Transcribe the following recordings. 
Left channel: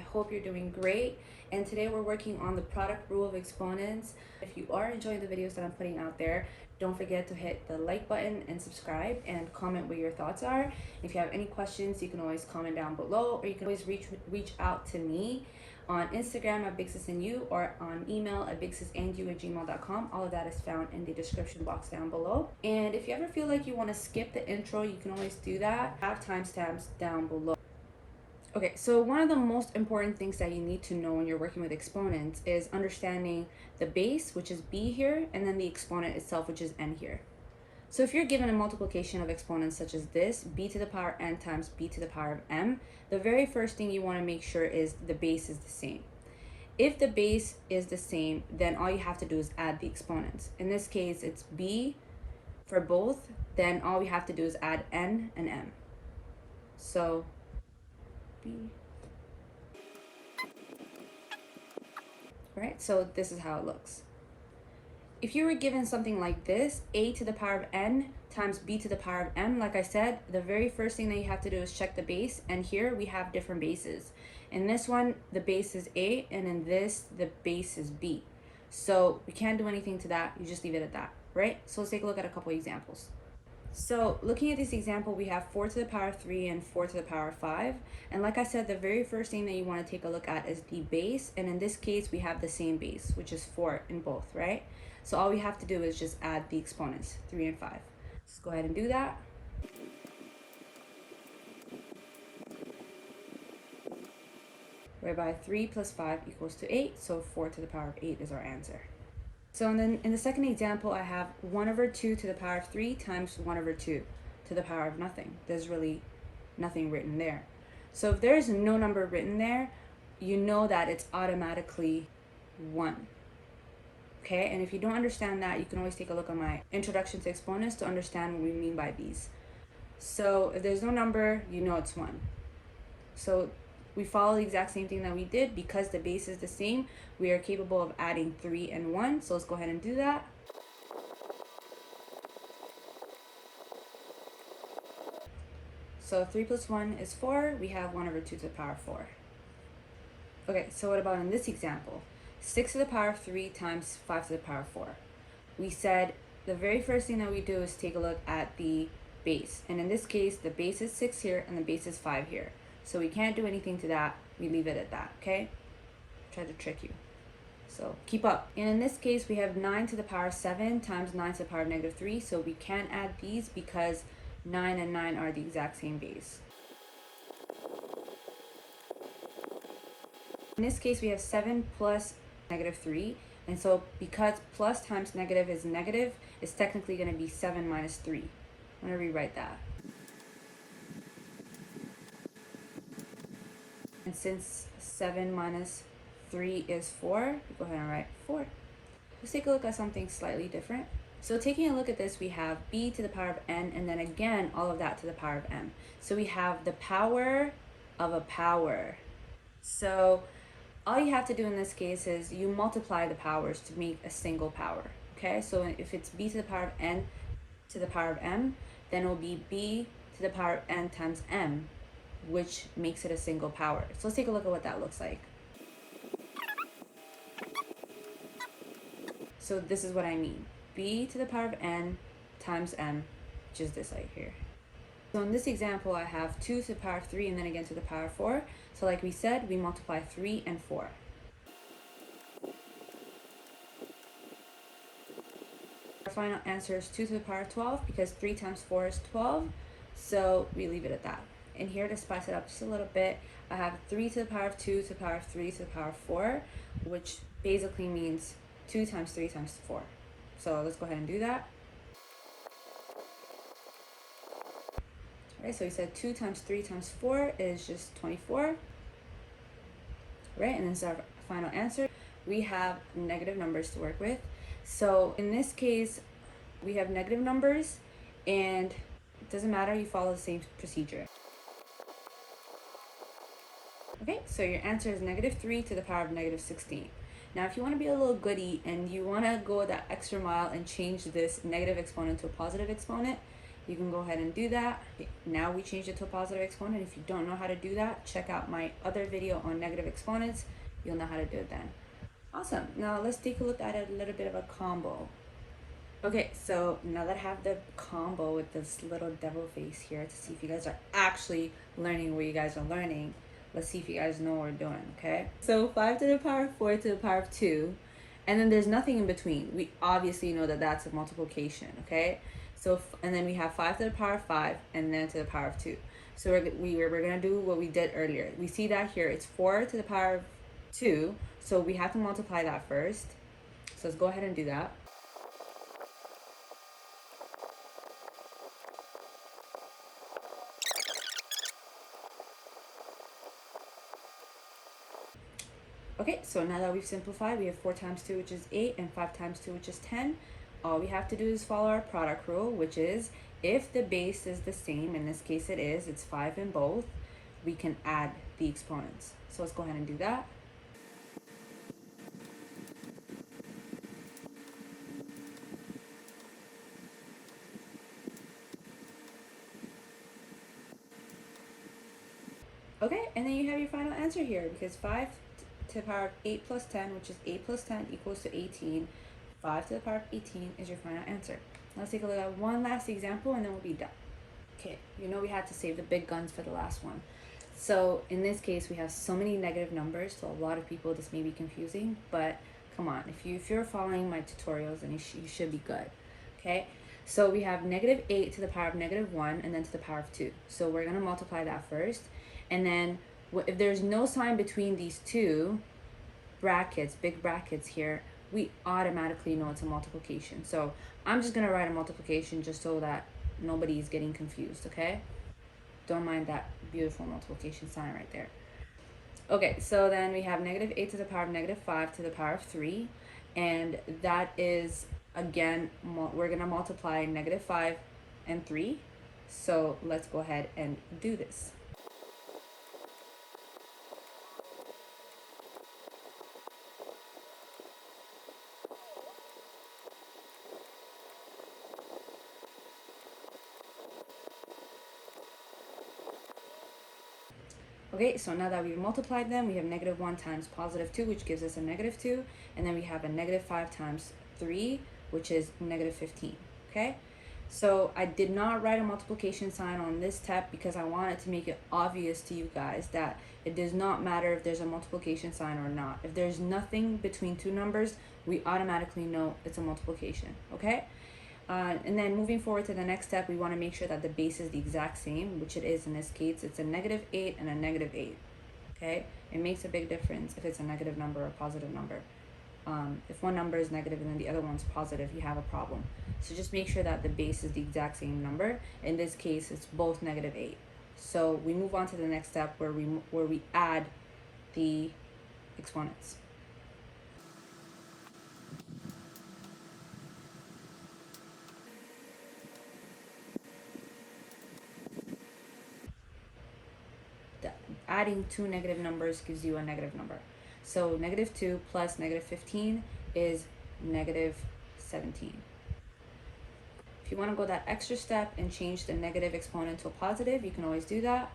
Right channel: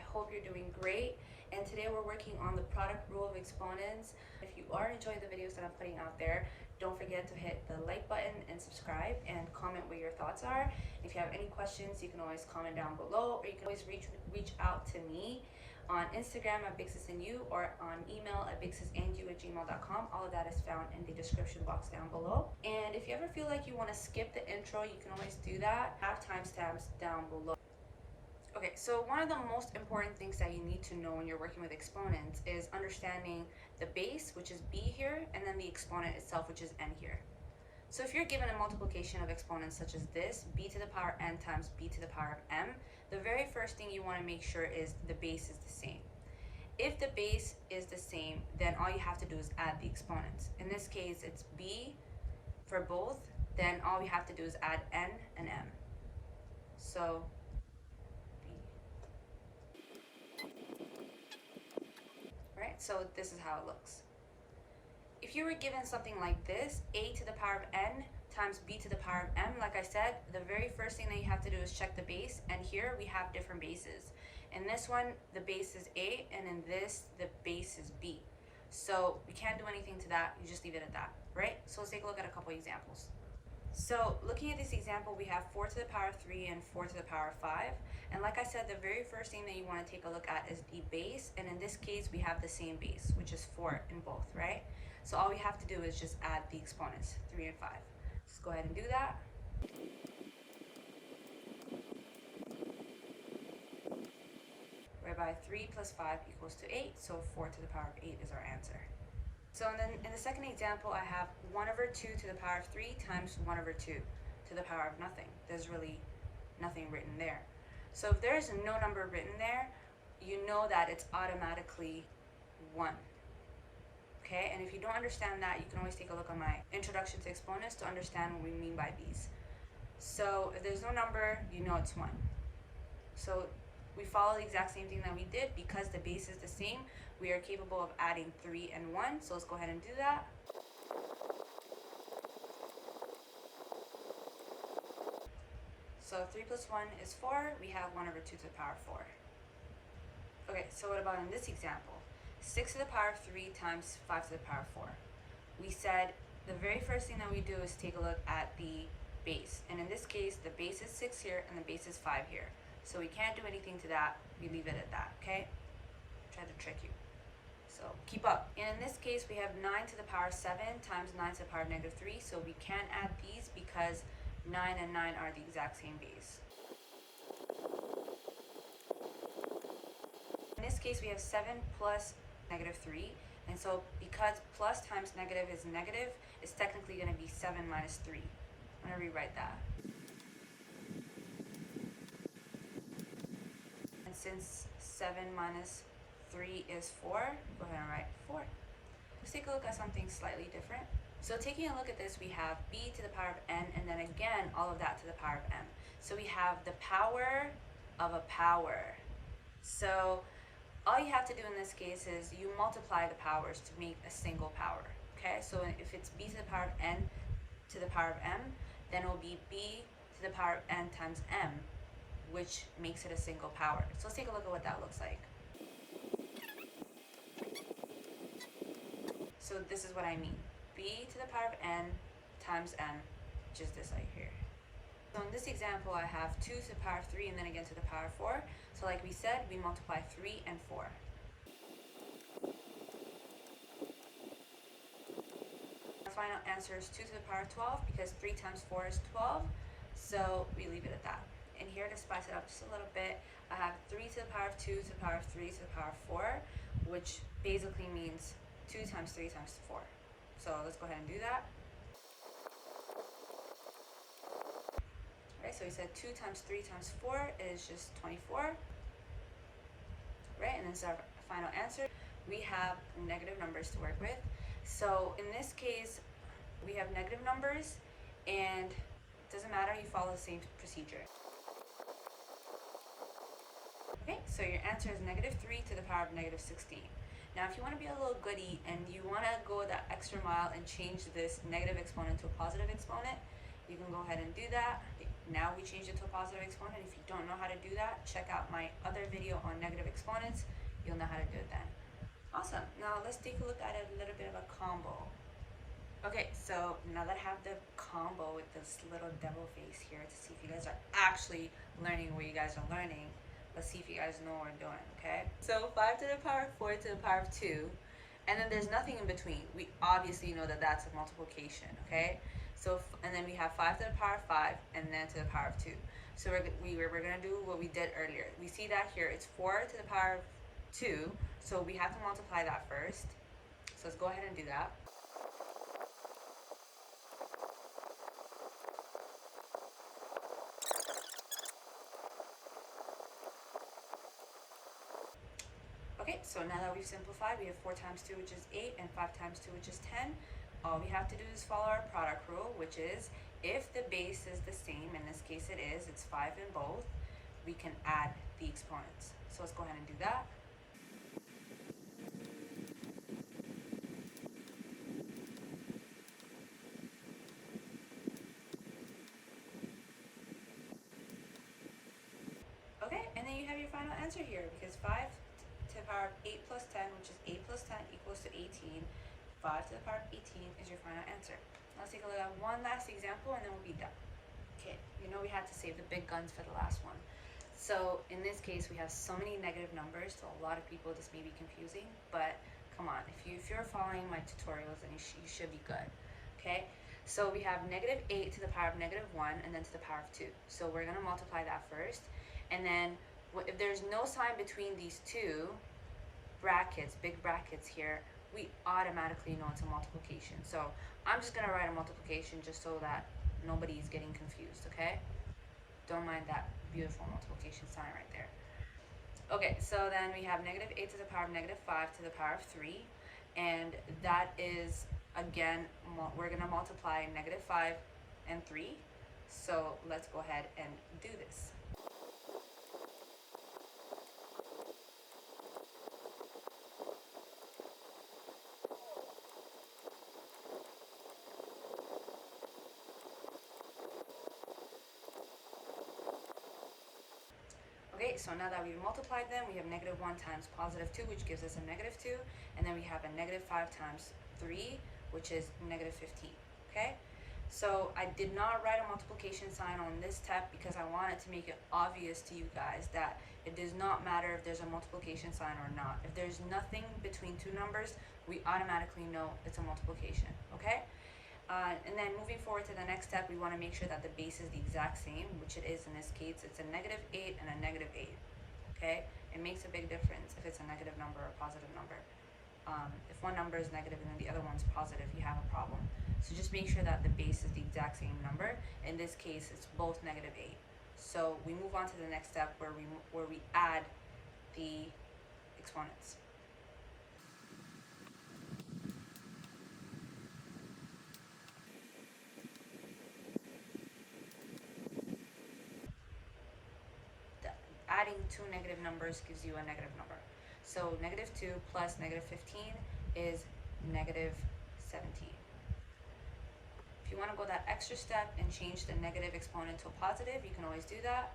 hope you're doing great. And today we're working on the product rule of exponents. If you are enjoying the videos that I'm putting out there, don't forget to hit the like button and subscribe and comment what your thoughts are. If you have any questions, you can always comment down below, or you can always reach out to me on Instagram at bigsisandyou or on email at bigsisandyou@gmail.com. All of that is found in the description box down below. And if you ever feel like you want to skip the intro, you can always do that. I have timestamps down below. Okay, so one of the most important things that you need to know when you're working with exponents is understanding the base, which is b here, and then the exponent itself, which is n here. So if you're given a multiplication of exponents such as this, b to the power n times b to the power of m, the very first thing you want to make sure is the base is the same. If the base is the same, then all you have to do is add the exponents. In this case, it's b for both, then all we have to do is add n and m. So b. Right, so this is how it looks. If you were given something like this, a to the power of n times b to the power of m, like I said, the very first thing that you have to do is check the base, and here we have different bases. In this one, the base is a, and in this, the base is b. So we can't do anything to that, you just leave it at that, right? So let's take a look at a couple examples. So looking at this example, we have 4 to the power of 3 and 4 to the power of 5. And like I said, the very first thing that you want to take a look at is the base. And in this case, we have the same base, which is 4 in both, right? So all we have to do is just add the exponents, 3 and 5. Let's go ahead and do that. Whereby 3 plus 5 equals to 8, so 4 to the power of 8 is our answer. So then in the second example, I have 1 over 2 to the power of 3 times 1 over 2 to the power of nothing. There's really nothing written there. So if there is no number written there, you know that it's automatically 1. Okay, and if you don't understand that, you can always take a look at my introduction to exponents to understand what we mean by these. So if there's no number, you know it's 1. So we follow the exact same thing that we did. Because the base is the same, we are capable of adding 3 and 1. So let's go ahead and do that. So 3 plus 1 is 4. We have 1 over 2 to the power of 4. Okay, so what about in this example? 6 to the power of 3 times 5 to the power of 4. We said the very first thing that we do is take a look at the base. And in this case, the base is 6 here and the base is 5 here. So we can't do anything to that. We leave it at that, okay? Try to trick you. So keep up. And in this case, we have 9 to the power of 7 times 9 to the power of negative 3. So we can't add these because 9 and 9 are the exact same base. In this case, we have 7 plus negative 3. And so because plus times negative is negative, it's technically going to be 7 minus 3. I'm going to rewrite that. And since 7 minus 3 is 4, go ahead and write 4. Let's take a look at something slightly different. So taking a look at this, we have b to the power of n, and then again, all of that to the power of m. So we have the power of a power. So all you have to do in this case is you multiply the powers to make a single power. Okay, so if it's b to the power of n to the power of m, then it will be b to the power of n times m, which makes it a single power. So let's take a look at what that looks like. So this is what I mean. B to the power of n times m, which is this right here. So in this example, I have 2 to the power of 3 and then again to the power of 4. So like we said, we multiply 3 and 4. Our final answer is 2 to the power of 12 because 3 times 4 is 12. So we leave it at that. And here to spice it up just a little bit, I have 3 to the power of 2 to the power of 3 to the power of 4, which basically means 2 times 3 times 4. So let's go ahead and do that. All right, so we said 2 times 3 times 4 is just 24. Right, and this is our final answer. We have negative numbers to work with. So in this case, we have negative numbers, and it doesn't matter, you follow the same procedure. Okay, so your answer is negative 3 to the power of negative 16. Now, if you want to be a little goody and you want to go that extra mile and change this negative exponent to a positive exponent, you can go ahead and do that. Now we changed it to a positive exponent. If you don't know how to do that, check out my other video on negative exponents. You'll know how to do it then. Awesome. Now let's take a look at a little bit of a combo. Okay, so now that I have the combo with this little devil face here to see if you guys are actually learning what you guys are learning, let's see if you guys know what we're doing, okay? So 5 to the power of 4 to the power of 2, and then there's nothing in between. We obviously know that that's a multiplication, okay? So, and then we have 5 to the power of 5, and then to the power of 2. So we're gonna do what we did earlier. We see that here, it's 4 to the power of 2, so we have to multiply that first. So let's go ahead and do that. Okay, so now that we've simplified, we have 4 times 2, which is 8, and 5 times 2, which is 10. All we have to do is follow our product rule, which is if the base is the same, in this case it is, it's 5 in both, we can add the exponents. So let's go ahead and do that. Okay, and then you have your final answer here, because 5 to the power of 8 plus 10, which is 8 plus 10 equals to 18. 5 to the power of 18 is your final answer. Let's take a look at one last example and then we'll be done. Okay, you know we had to save the big guns for the last one. So in this case, we have so many negative numbers, so a lot of people this may be confusing, but come on, if you're following my tutorials, then you should be good, okay? So we have negative 8 to the power of negative 1 and then to the power of 2. So we're gonna multiply that first, and then if there's no sign between these two brackets, big brackets here, we automatically know it's a multiplication. So I'm just gonna write a multiplication just so that nobody's getting confused, okay? Don't mind that beautiful multiplication sign right there. Okay, so then we have negative 8 to the power of negative 5 to the power of 3, and that is, again, we're gonna multiply negative 5 and 3. So let's go ahead and do this. Okay, so now that we've multiplied them, we have negative 1 times positive 2, which gives us a negative 2, and then we have a negative 5 times 3, which is negative 15, okay? So I did not write a multiplication sign on this step because I wanted to make it obvious to you guys that it does not matter if there's a multiplication sign or not. If there's nothing between two numbers, we automatically know it's a multiplication, okay? And then moving forward to the next step, we want to make sure that the base is the exact same, which it is in this case. It's a negative 8 and a negative 8, okay? It makes a big difference if it's a negative number or a positive number. If one number is negative and then the other one's positive, you have a problem. So just make sure that the base is the exact same number. In this case, it's both negative 8. So we move on to the next step where we add the exponents. Adding two negative numbers gives you a negative number. So negative 2 plus negative 15 is negative 17. If you want to go that extra step and change the negative exponent to a positive, you can always do that.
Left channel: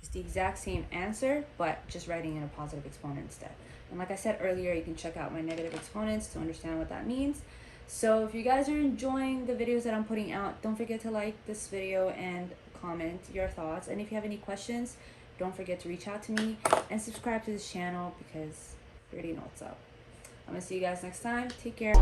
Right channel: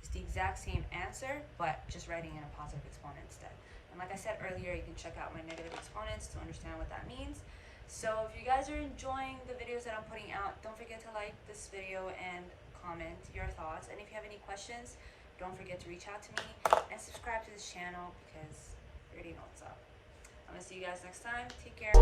It's the exact same answer, but just writing in a positive exponent instead. And like I said earlier, you can check out my negative exponents to understand what that means. So if you guys are enjoying the videos that I'm putting out, don't forget to like this video and comment your thoughts. And if you have any questions, don't forget to reach out to me and subscribe to this channel because you already know what's up. I'm gonna see you guys next time. Take care.